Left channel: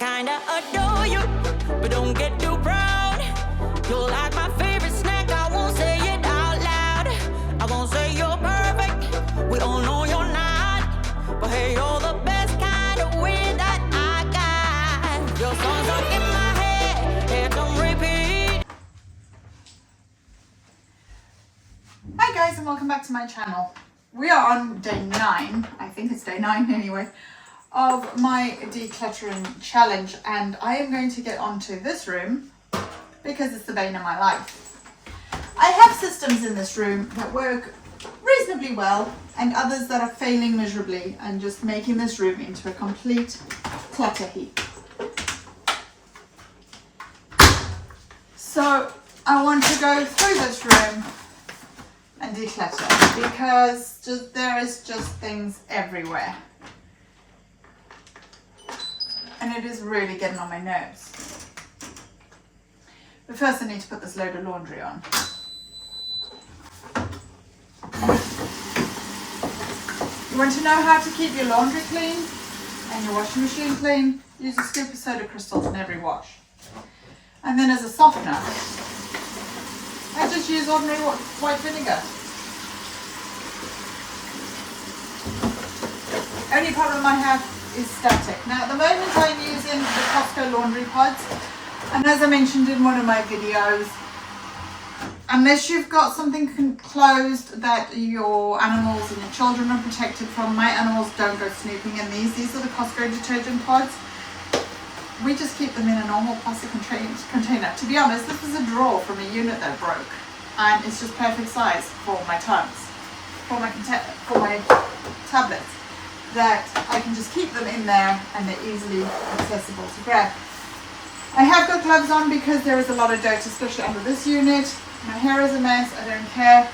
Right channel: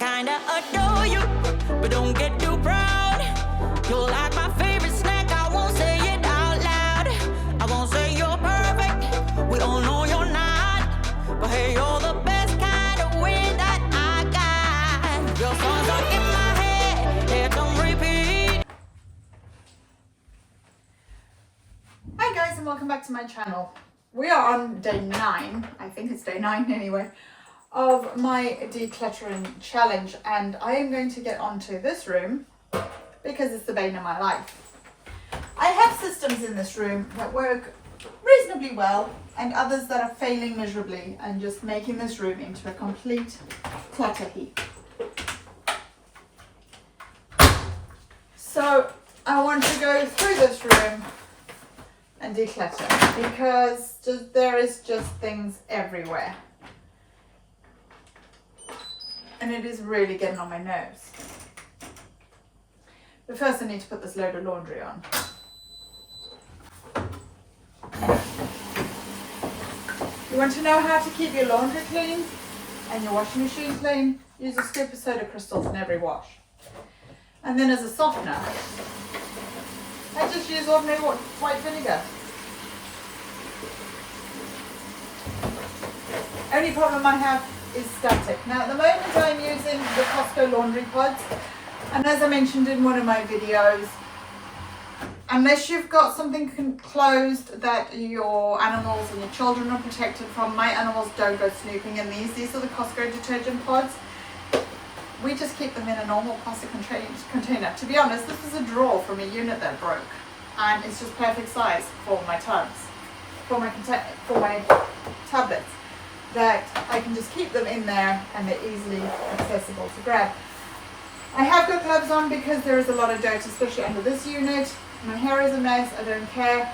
kinda adore you, but don't get too proud. You're like my favorite snack, I won't say it out loud. I won't say you're perfect, we all know you're not. But hey, you're the best kind of way that I got. Your songs are in my head, it's on repeat. Hi guys, and welcome back to my channel. We are on day 9, I think it's day 9 anyway, of my decluttering challenge, and I am going to get onto this room because it's the bane of my life. I have systems in this room that work reasonably well and others that are failing miserably and just making this room into a complete clutter heap. So I want to go through this room and declutter because there is just things everywhere. And it is really getting on my nerves. But first I need to put this load of laundry on. You want to know how to keep your laundry clean and your washing machine clean? Use a scoop of soda crystals in every wash. And then as a softener, I just use ordinary white vinegar. Only problem I have is static. Now at the moment I'm using the Costco laundry pods, and as I mentioned in one of my videos, unless you've got something closed that your animals and your children are protected from, my animals don't go snooping in these. These are the Costco detergent pods. We just keep them in a normal plastic container. To be honest, this is a drawer from a unit that broke, and it's just perfect size for my tubs, for my tablets, that I can just keep them in there and they're easily accessible to grab. I have got gloves on because there is a lot of dirt, especially under this unit. My hair is a mess, I don't care.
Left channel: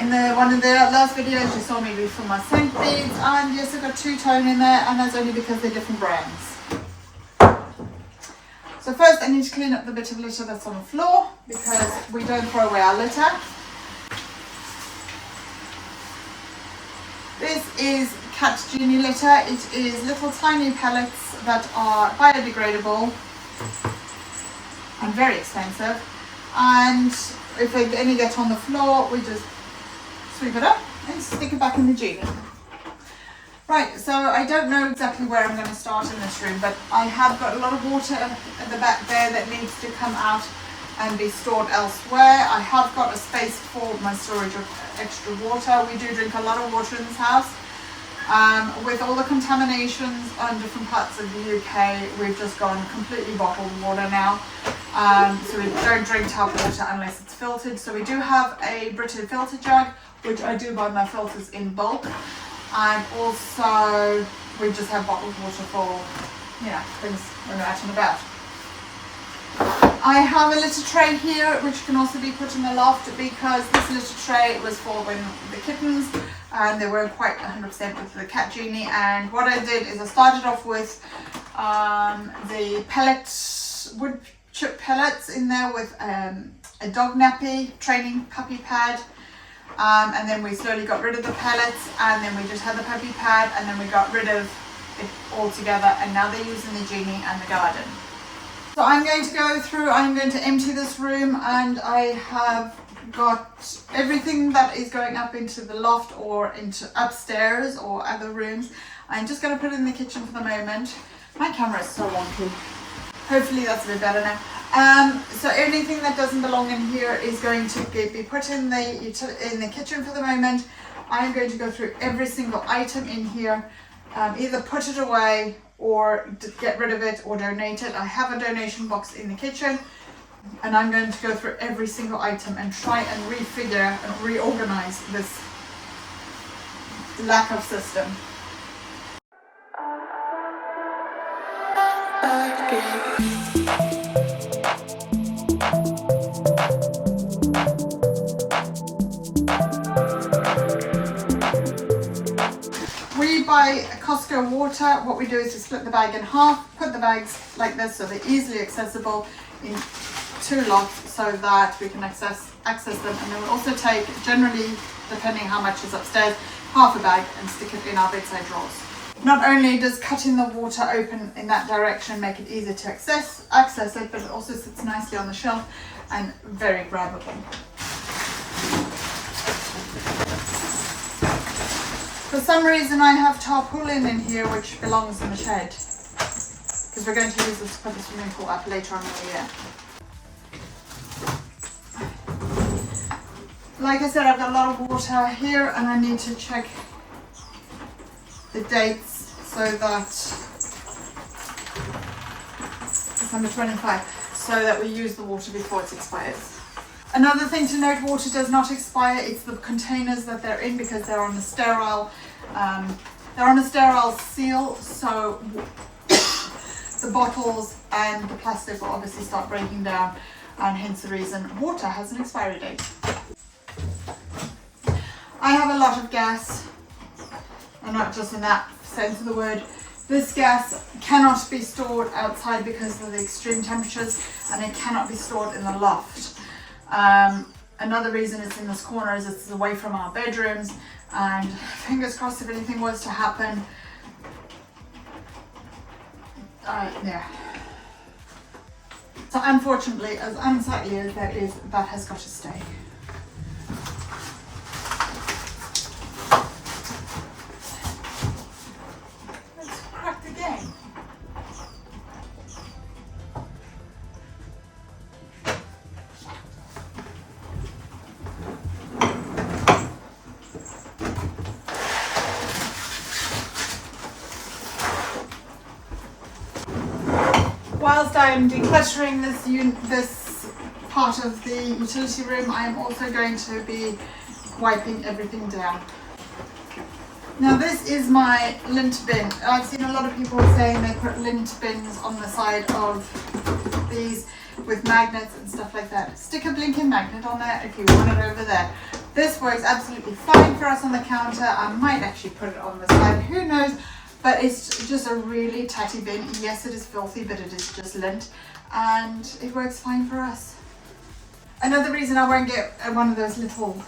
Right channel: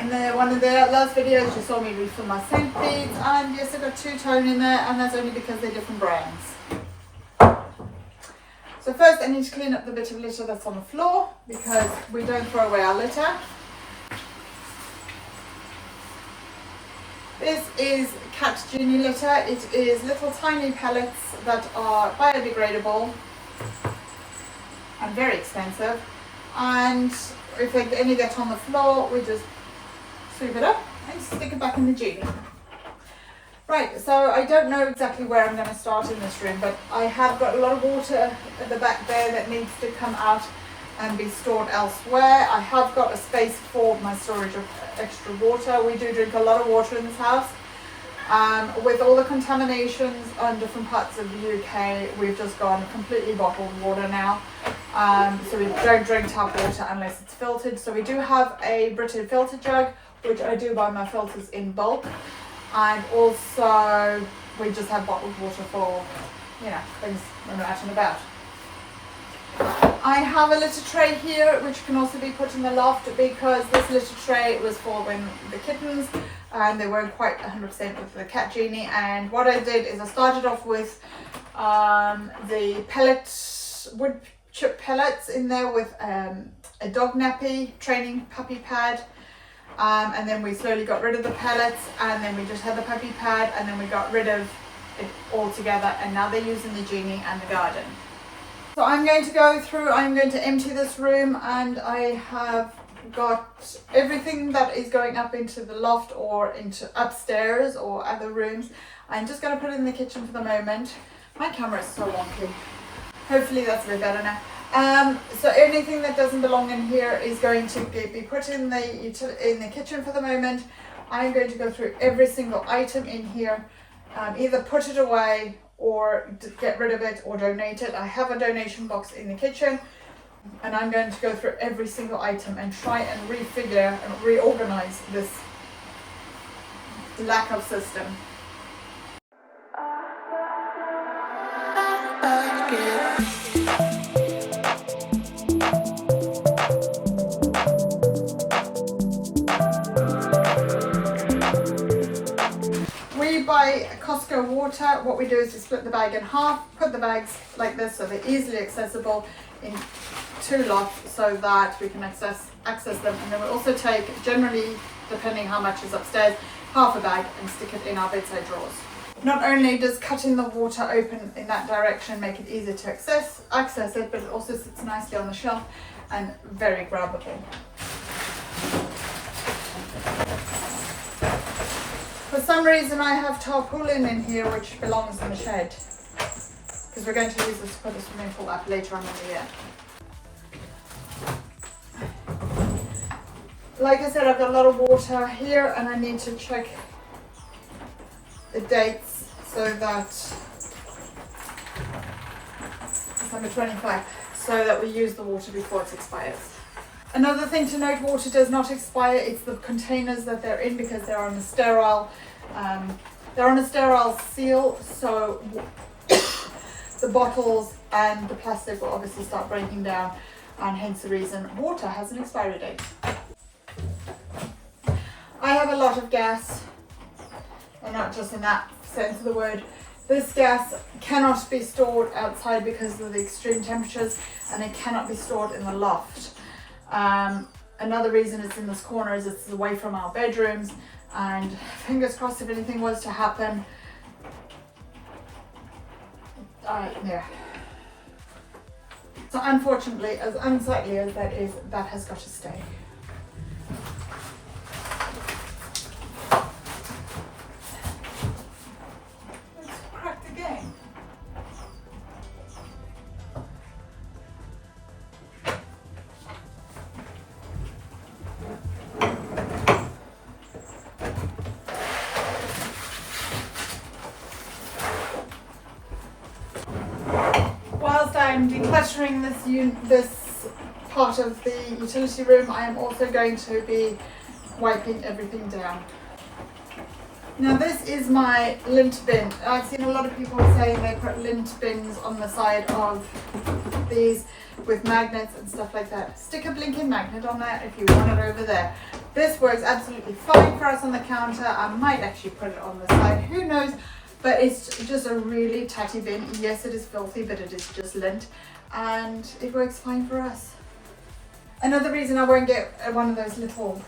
In one of the last videos you saw me refill my scent beads, and yes, I got two-tone in there, and that's only because they're different brands. So first I need to clean up the bit of litter that's on the floor because we don't throw away our litter. This is cat genie litter. It is little tiny pellets that are biodegradable and very expensive. And if any get on the floor, we just sweep it up and stick it back in the genie. Right, so I don't know exactly where I'm going to start in this room, but I have got a lot of water at the back there that needs to come out and be stored elsewhere. I have got a space for my storage of extra water. We do drink a lot of water in this house. With all the contaminations on different parts of the UK, we've just gone completely bottled water now. So we don't drink tap water unless it's filtered. So we do have a Brita filter jug, which I do buy my filters in bulk. And also we just have bottled water for, things when we're out and about. I have a litter tray here, which can also be put in the loft because this litter tray was for when the kittens, and they weren't quite 100% with the cat genie. And what I did is I started off with the wood chip pellets in there with a dog nappy training puppy pad. And then we slowly got rid of the pellets, and then we just had the puppy pad, and then we got rid of it all together, and now they're using the genie and the garden. So I'm going to empty this room, and I have got everything that is going up into the loft or into upstairs or other rooms. I'm just going to put it in the kitchen for the moment. My camera is so wonky. Hopefully that's a bit better now. So anything that doesn't belong in here is going to be put in the kitchen for the moment. I'm going to go through every single item in here, either put it away or get rid of it or donate it. I have a donation box in the kitchen, and I'm going to go through every single item and try and refigure and reorganize this lack of system. We buy Costco water. What we do is we split the bag in half, put the bags like this so they're easily accessible in 2 lots so that we can access them. And then we also take, generally, depending how much is upstairs, half a bag and stick it in our bedside drawers. Not only does cutting the water open in that direction make it easier to access it, but it also sits nicely on the shelf and very grabbable. For some reason I have tarpaulin in here which belongs in the shed, because we're going to use this to put the swimming pool up later on in the year. Like I said, I've got a lot of water here and I need to check the dates so that December 25, so that we use the water before it expires. Another thing to note, water does not expire. It's the containers that they're in, because they're on a sterile seal, so the bottles and the plastic will obviously start breaking down, and hence the reason water has an expiry date. I have a lot of gas, and not just in that sense of the word. This gas cannot be stored outside because of the extreme temperatures, and it cannot be stored in the loft. Another reason it's in this corner is it's away from our bedrooms, and fingers crossed if anything was to happen, yeah. So unfortunately, as unsightly as that is, that has got to stay. Let's crack the game. Whilst I'm decluttering this part of the utility room, I am also going to be wiping everything down. Now this is my lint bin. I've seen a lot of people saying they put lint bins on the side of these with magnets and stuff like that. Stick a blinking magnet on there if you want it over there. This works absolutely fine for us on the counter. I might actually put it on the side, who knows? But it's just a really tatty bin. Yes, it is filthy, but it is just lint, and it works fine for us. Another reason I won't get one of those little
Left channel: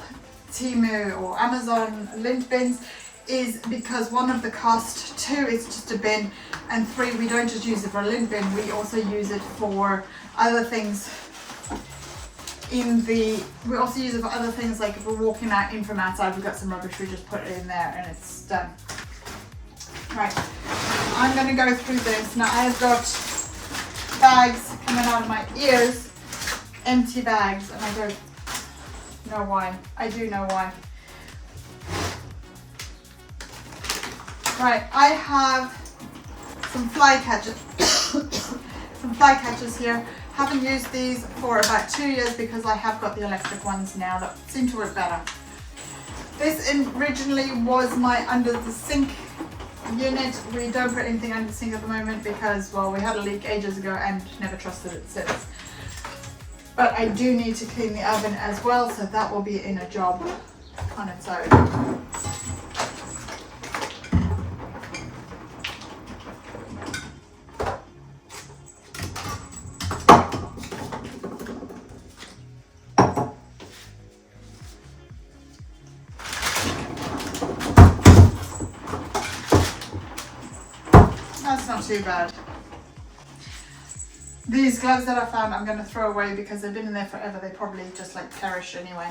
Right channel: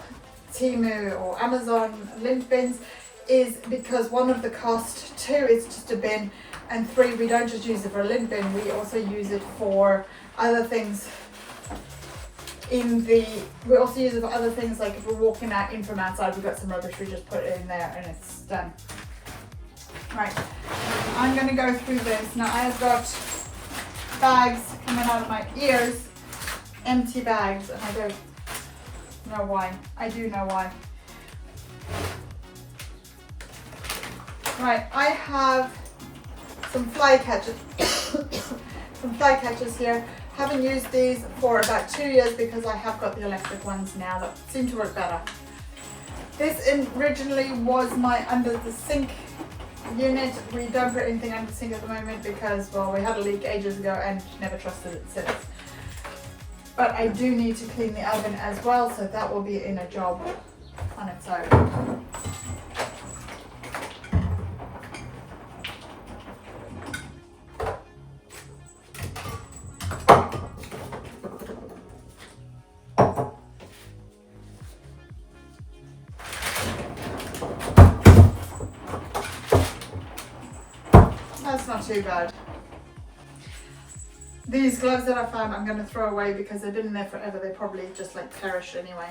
Temu or Amazon lint bins is because one of the cost, two, it's just a bin, and three, we don't just use it for a lint bin, we also use it for other things we also use it for other things, like if we're walking out in from outside, we've got some rubbish, we just put it in there and it's done. Right, I'm going to go through this. Now I have got bags coming out of my ears, empty bags, and I don't know why. I do know why. Right, I have some fly catchers, some fly catchers here. Haven't used these for about 2 years because I have got the electric ones now that seem to work better. This originally was my under the sink unit. We don't put anything under the sink at the moment because, well, we had a leak ages ago and never trusted it since. But I do need to clean the oven as well, so that will be in a job on its own. That's not too bad. These gloves that I found I'm going to throw away because they've been in there forever. They probably just like perish anyway.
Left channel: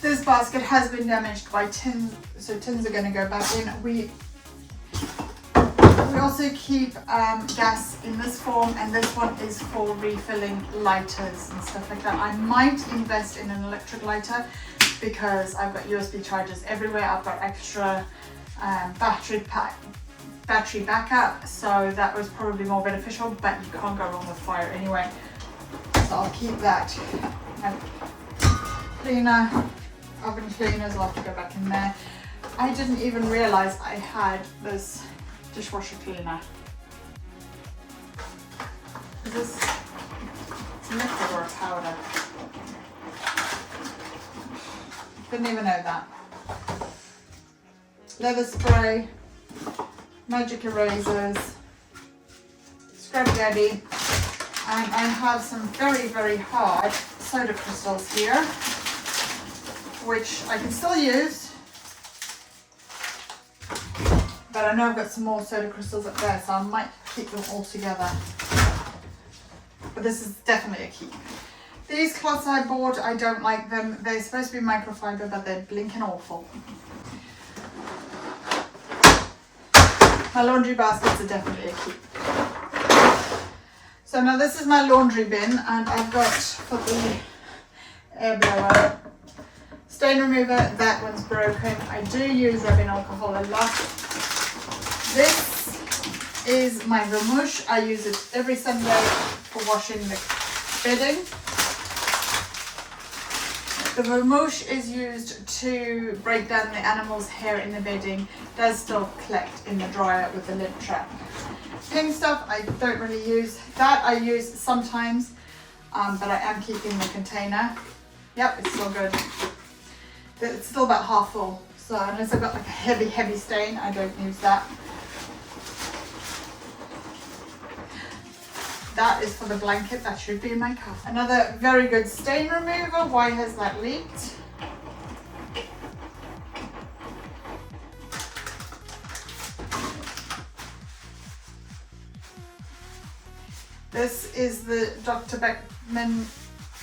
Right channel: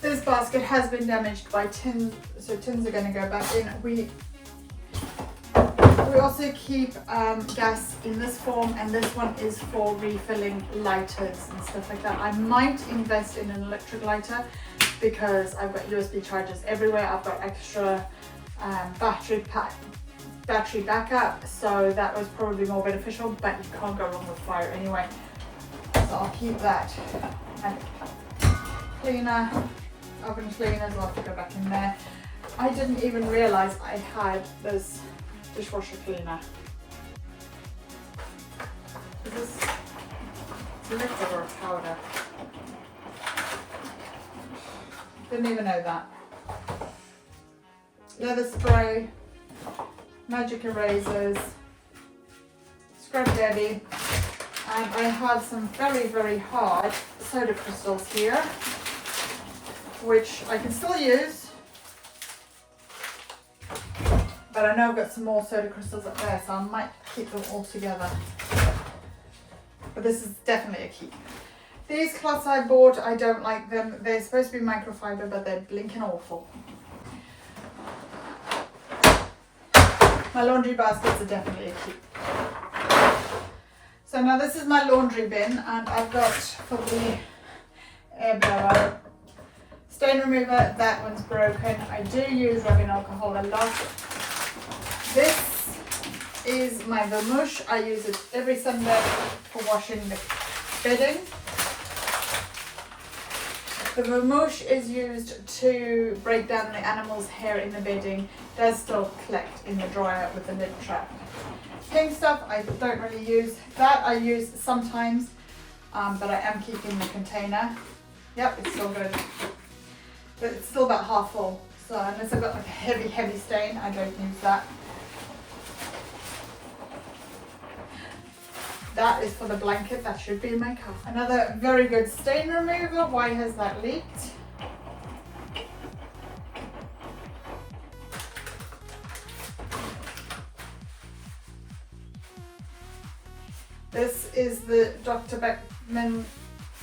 This basket has been damaged by tins, so tins are going to go back in. We also keep gas in this form, and this one is for refilling lighters and stuff like that. I might invest in an electric lighter because I've got USB chargers everywhere. I've got extra battery backup, so that was probably more beneficial, but you can't go wrong with fire anyway. So I'll keep that. And cleaner. Oven cleaners, I'll have to go back in there. I didn't even realize I had this dishwasher cleaner. Is this a liquid or a powder? Didn't even know that. Leather spray, magic erasers, Scrub Daddy, and I have some very, very hard soda crystals here, which I can still use, but I know I've got some more soda crystals up there, so I might keep them all together. But this is definitely a keep. These cloths I bought, I don't like them. They're supposed to be microfiber, but they're blinking awful. My laundry baskets are definitely a keep. So now this is my laundry bin, and I've got for the air blower stain remover. That one's broken. I do use rubbing alcohol a lot. This is my vermouche. I use it every Sunday for washing the bedding. The vermouche is used to break down the animal's hair in the bedding. It does still collect in the dryer with the lint trap. Pink stuff I don't really use. That I use sometimes, but I am keeping the container. Yep, it's still good. But it's still about half full. So unless I've got like a heavy stain, I don't use that. That is for the blanket, that should be in my car. Another very good stain remover. Why has that leaked? This is the Dr. Beckman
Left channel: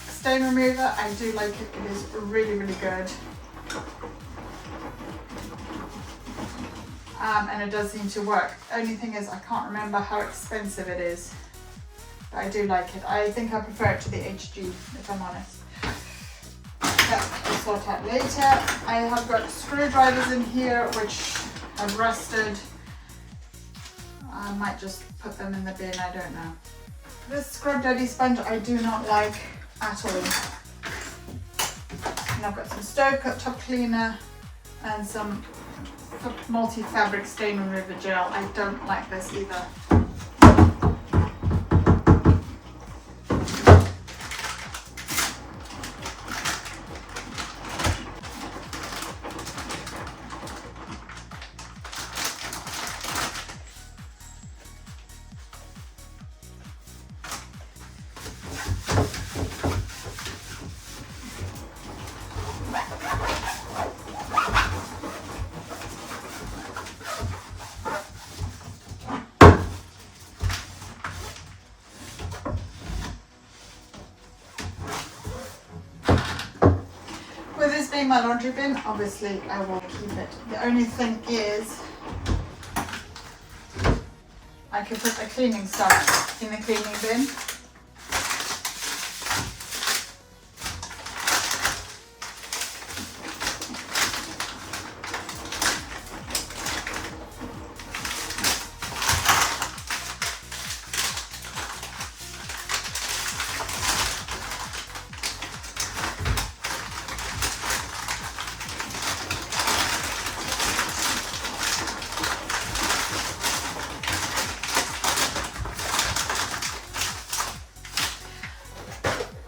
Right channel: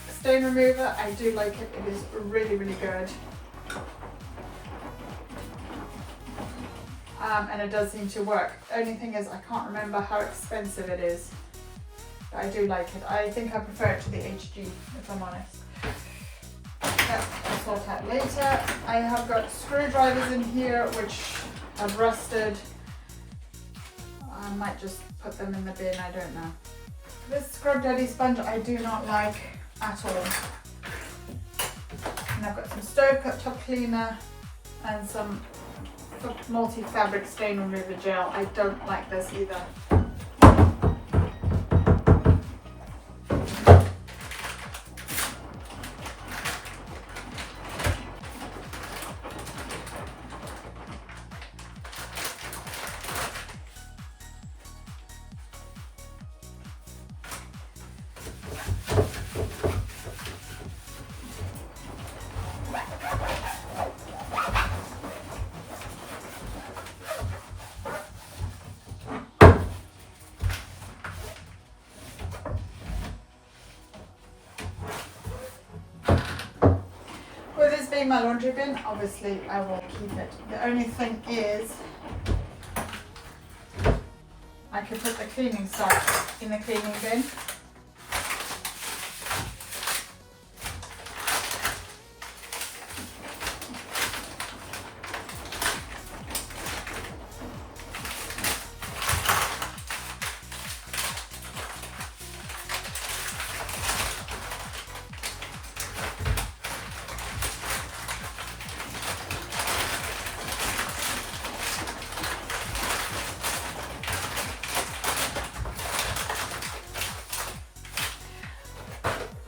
stain remover. I do like it, it is really, really good. And it does seem to work. The only thing is I can't remember how expensive it is. I do like it. I think I prefer it to the HG, if I'm honest. That we'll sort out later. I have got screwdrivers in here which have rusted. I might just put them in the bin, I don't know. This Scrub Daddy sponge I do not like at all. And I've got some stove cut top cleaner and some multi-fabric stain remover gel. I don't like this either. With this being my laundry bin, obviously I will keep it. The only thing is, I could put the cleaning stuff in the cleaning bin.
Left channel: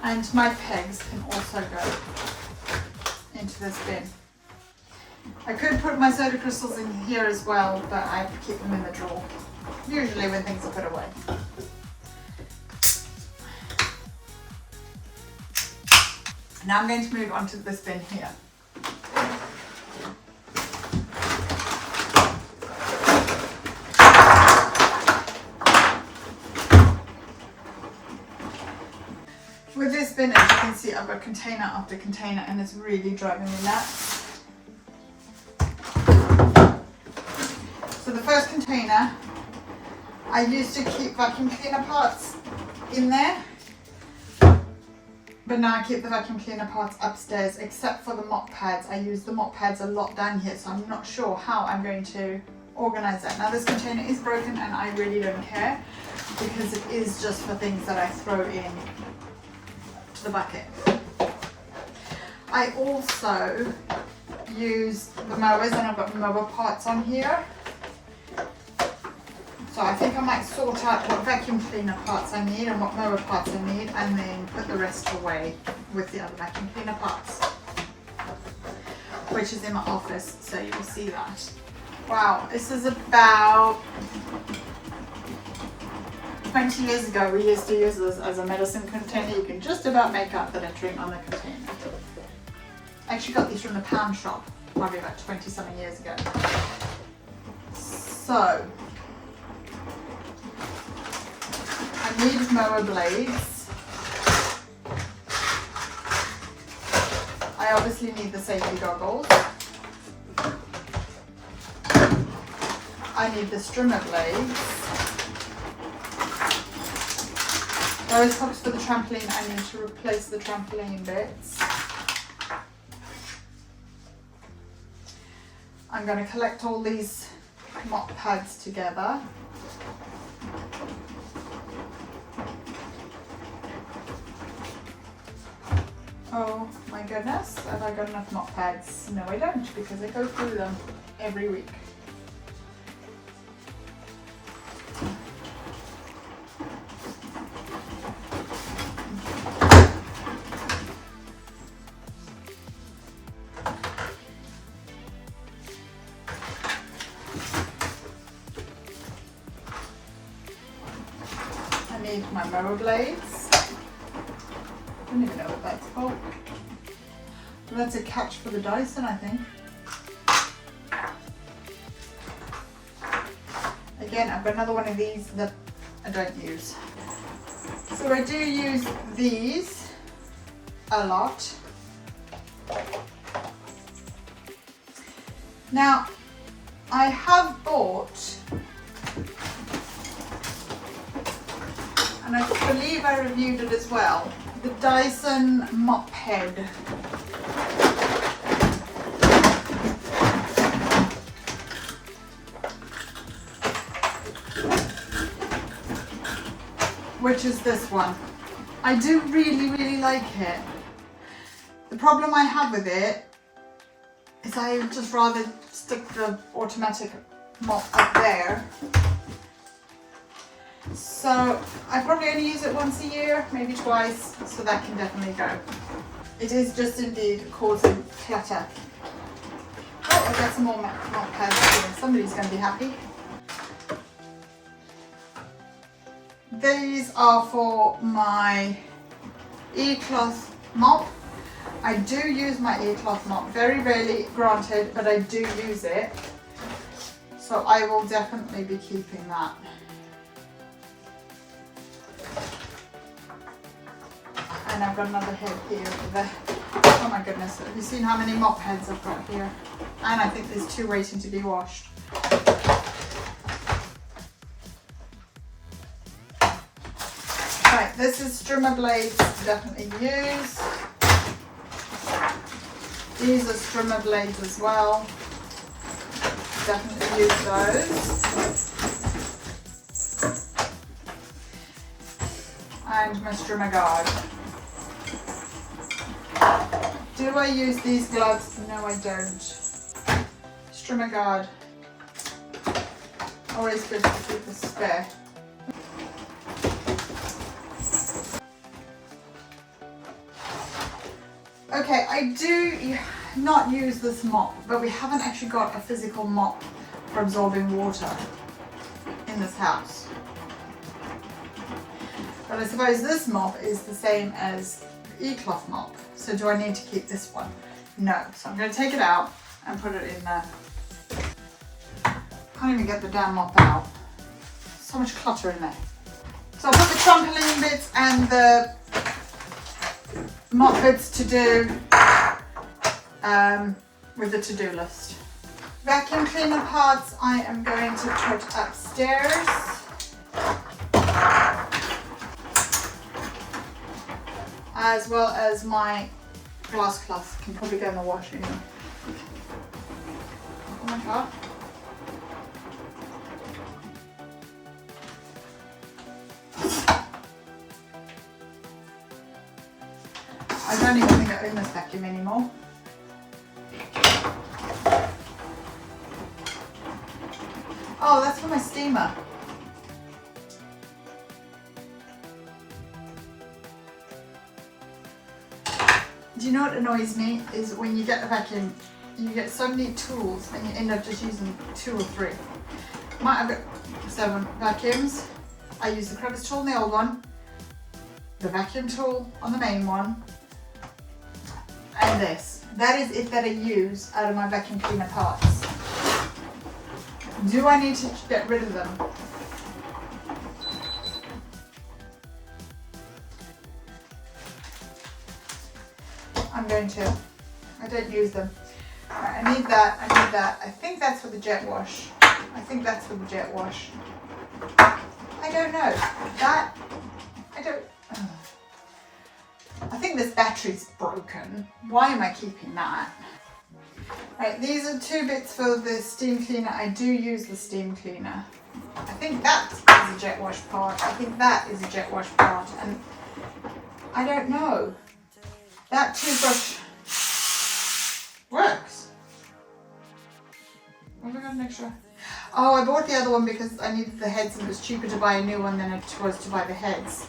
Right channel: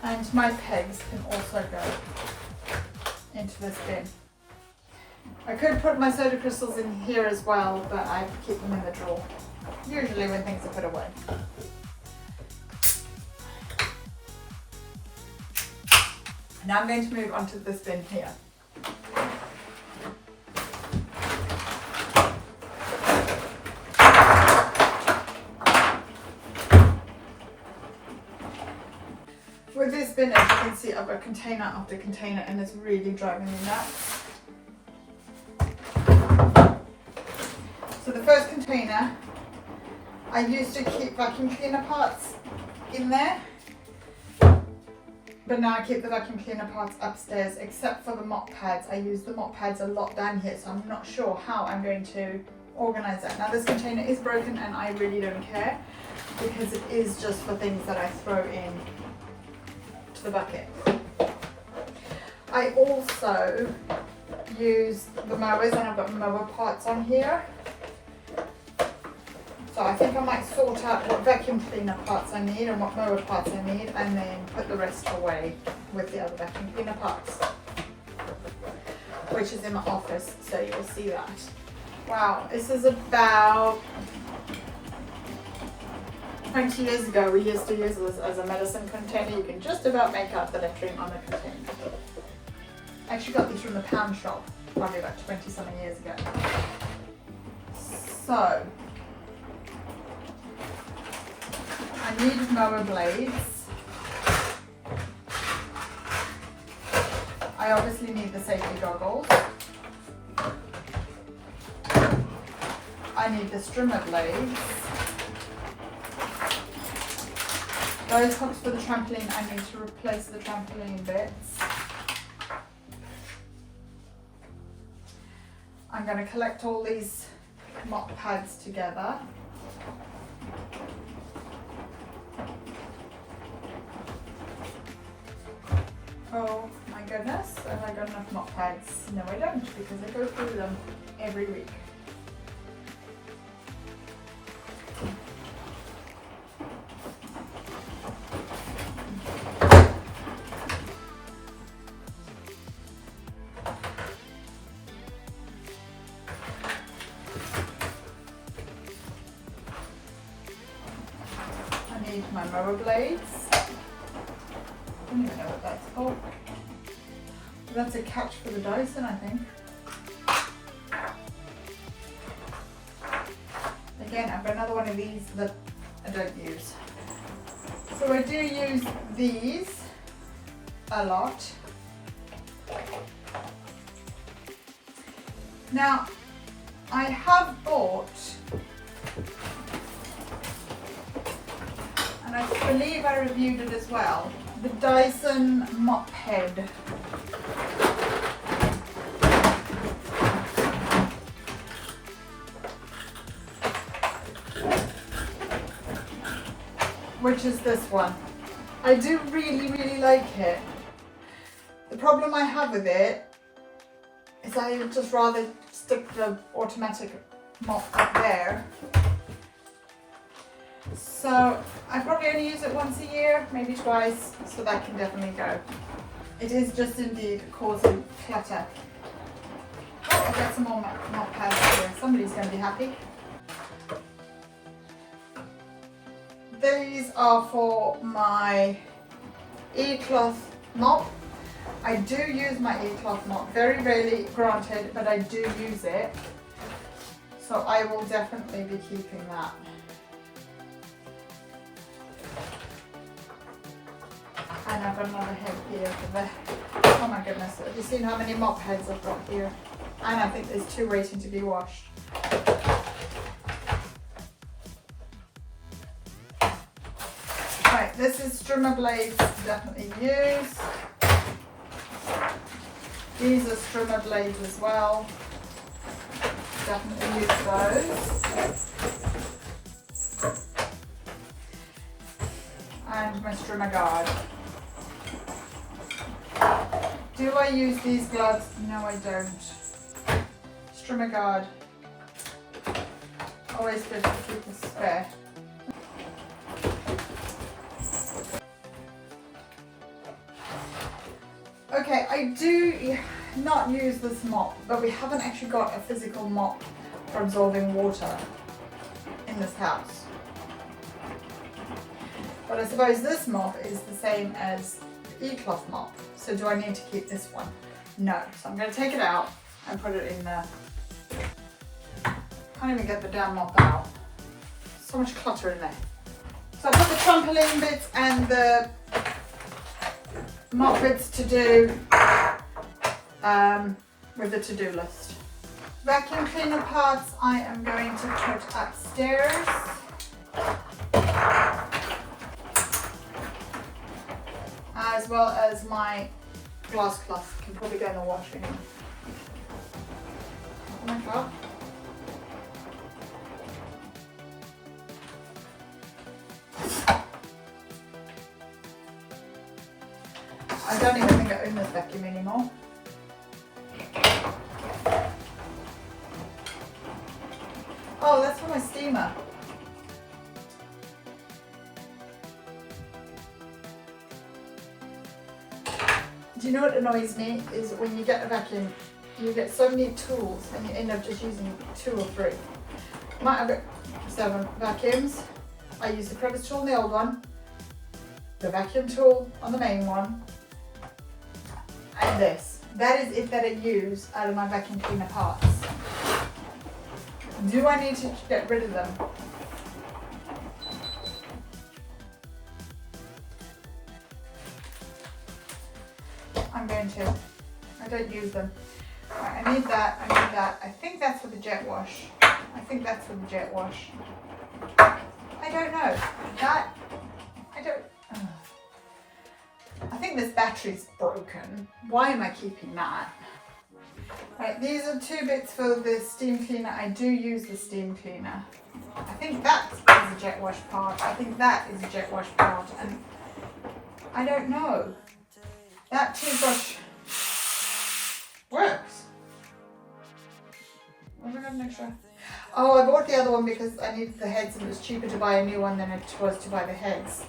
And my pegs can also go into this bin. I could put my soda crystals in here as well, but I keep them in the drawer, usually when things are put away. Now I'm going to move on to this bin here. With this bin, as you can see, I've got container after container and it's really driving me nuts. So the first container, I used to keep vacuum cleaner parts in there, but now I keep the vacuum cleaner parts upstairs, except for the mop pads. I use the mop pads a lot down here, so I'm not sure how I'm going to organize that. Now this container is broken and I really don't care, because it is just for things that I throw in to the bucket. I also use the mowers, and I've got mower parts on here. So I think I might sort out what vacuum cleaner parts I need and what mower parts I need, and then put the rest away with the other vacuum cleaner parts. which is in my office, so you'll see that. Wow, this is about 20 years ago. We used to use this as a medicine container. You can just about make out the lettering on the container. I actually got these from the pound shop, probably about 20 something years ago. So, I need mower blades. I obviously need the safety goggles. I need the strimmer blades. Those hooks for the trampoline, I need to replace the trampoline bits. I'm going to collect all these mop pads together. Oh my goodness, have I got enough mop pads? No, I don't, because I go through them every week. I need my mower blades. I don't even know what that's called. That's a catch for the Dyson, I think. Again, I've got another one of these that I don't use. So I do use these a lot. Now, I have bought, and I believe I reviewed it as well, the Dyson mop head. Which is this one. I do really like it. The problem I have with it is I would just rather stick the automatic mop up there. So I probably only use it once a year, maybe twice, so that can definitely go. It is just indeed causing clutter. Oh, I've got some more mop pads here. Somebody's going to be happy. These are for my e-cloth mop. I do use my e-cloth mop, very rarely granted, but I do use it. So I will definitely be keeping that. And I've got another head here for the, oh my goodness, have you seen how many mop heads I've got here? And I think there's 2 waiting to be washed. Right, this is strimmer blades to definitely use. These are strimmer blades as well. Definitely use those. And my strimmer guard. Do I use these gloves? No, I don't. Strimmer guard. Always good to keep a spare. Okay, I do not use this mop, but we haven't actually got a physical mop for absorbing water in this house. But I suppose this mop is the same as the e-cloth mop. So do I need to keep this one? No. So I'm going to take it out and put it in there. Can't even get the damn mop out. So much clutter in there. So I'll put the trampoline bits and the mop bits to do with the to-do list. Vacuum cleaner parts I am going to put upstairs. As well as my glass cloth can probably go in the washing. Oh my god. I don't even think I own this vacuum anymore. Oh, that's for my steamer. Do you know what annoys me is when you get a vacuum you get so many tools and you end up just using 2 or 3. I've got 7 vacuums. I use the crevice tool on the old one, the vacuum tool on the main one, and this. That is it that I use out of my vacuum cleaner parts. Do I need to get rid of them? I'm going to. I don't use them. Right, I need that, I need that. I think that's for the jet wash. I think that's for the jet wash. I don't know. That, I don't, ugh. I think this battery's broken. Why am I keeping that? Right, these are 2 bits for the steam cleaner. I do use the steam cleaner. I think that is a jet wash part. I think that is a jet wash part. And I don't know. That toothbrush works. Have I got an extra? Oh, I bought the other one because I needed the heads and it was cheaper to buy a new one than it was to buy the heads.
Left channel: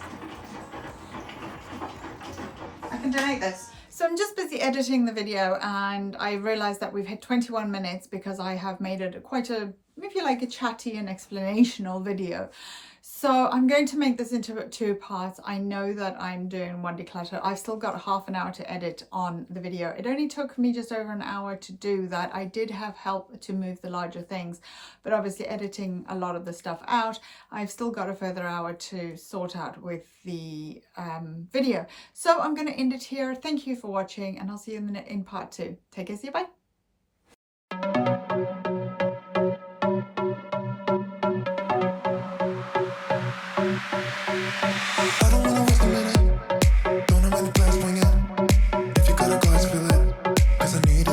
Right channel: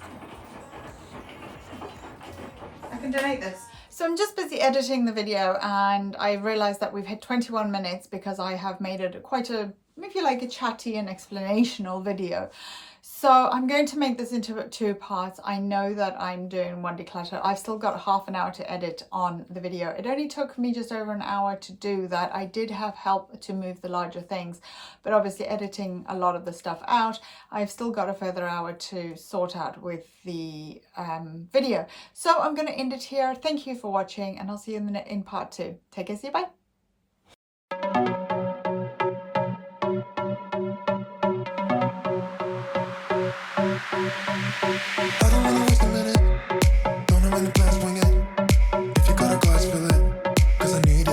I can donate this. So I'm just busy editing the video and I realized that we've hit 21 minutes because I have made it quite a, if you like, a chatty and explanational video. So I'm going to make this into 2 parts. I know that I'm doing one declutter. I've still got half an hour to edit on the video. It only took me just over an hour to do that. I did have help to move the larger things, but obviously editing a lot of the stuff out, I've still got a further hour to sort out with the video. So I'm going to end it here. Thank you for watching and I'll see you in part 2. Take care, see you, bye. I don't wanna waste a minute. Don't have any plans, wing it. If you got a glass, fill it. 'Cause I need